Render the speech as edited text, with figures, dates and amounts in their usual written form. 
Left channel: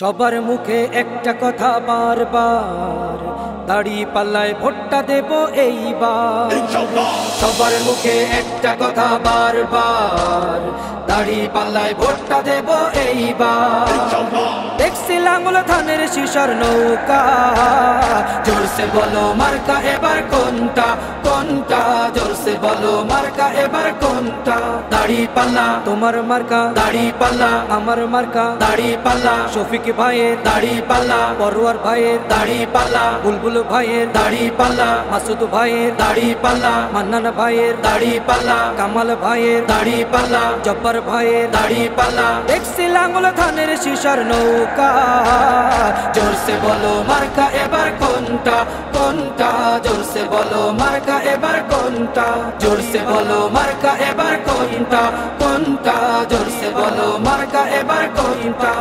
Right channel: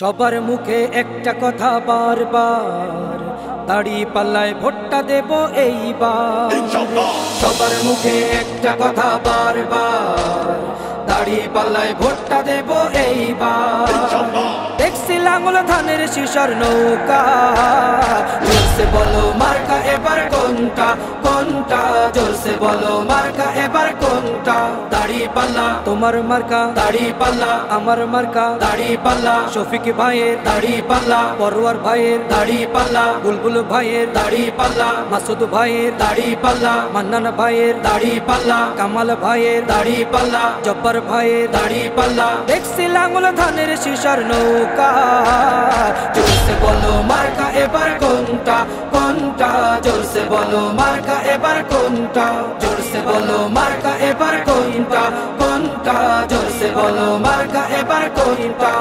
সবার মুখে একটা কথা বারবার, দাড়ি পাল্লায় ভোটটা দেব এইবার। সবার মুখে একটা কথা বারবার, দাড়ি পাল্লায় ভোটটা দেব এইবার। দেখছি লাঙ্গল ধানের শিশর নৌকা, জোরসে বলো মার্কা এবার কোনটা কোনটা, জোরসে বলো মার্কা এবার কোনটা। দাড়ি পাল্লা তোমার মার্কা, দাড়ি পাল্লা আমার মার্কা, দাড়ি পাল্লা শফিক ভাইয়ের দাড়ি পাল্লা, পরোয়ার ভাইয়ের দাড়ি পাল্লা, বুলবুল ভাইয়ের দাড়ি পাল্লা, মাসুদ ভাইয়ের দাড়ি পাল্লা, মান্নান ভাইয়ের দাড়ি পাল্লা, কামাল ভাইয়ের দাড়ি পাল্লা, জব্বার ভাইয়ের দাড়ি পাল্লা। দেখছি লাঙ্গল ধানের শিশর নৌকা, জোরসে বলো মার্কা এবার কোনটা কোনটা, জোরসে বলো মার্কা এবার কোনটা, জোরসে বলো মার্কা এবার কোনটা কোনটা, জোরসে বলো মার্কা এবার কোনটা।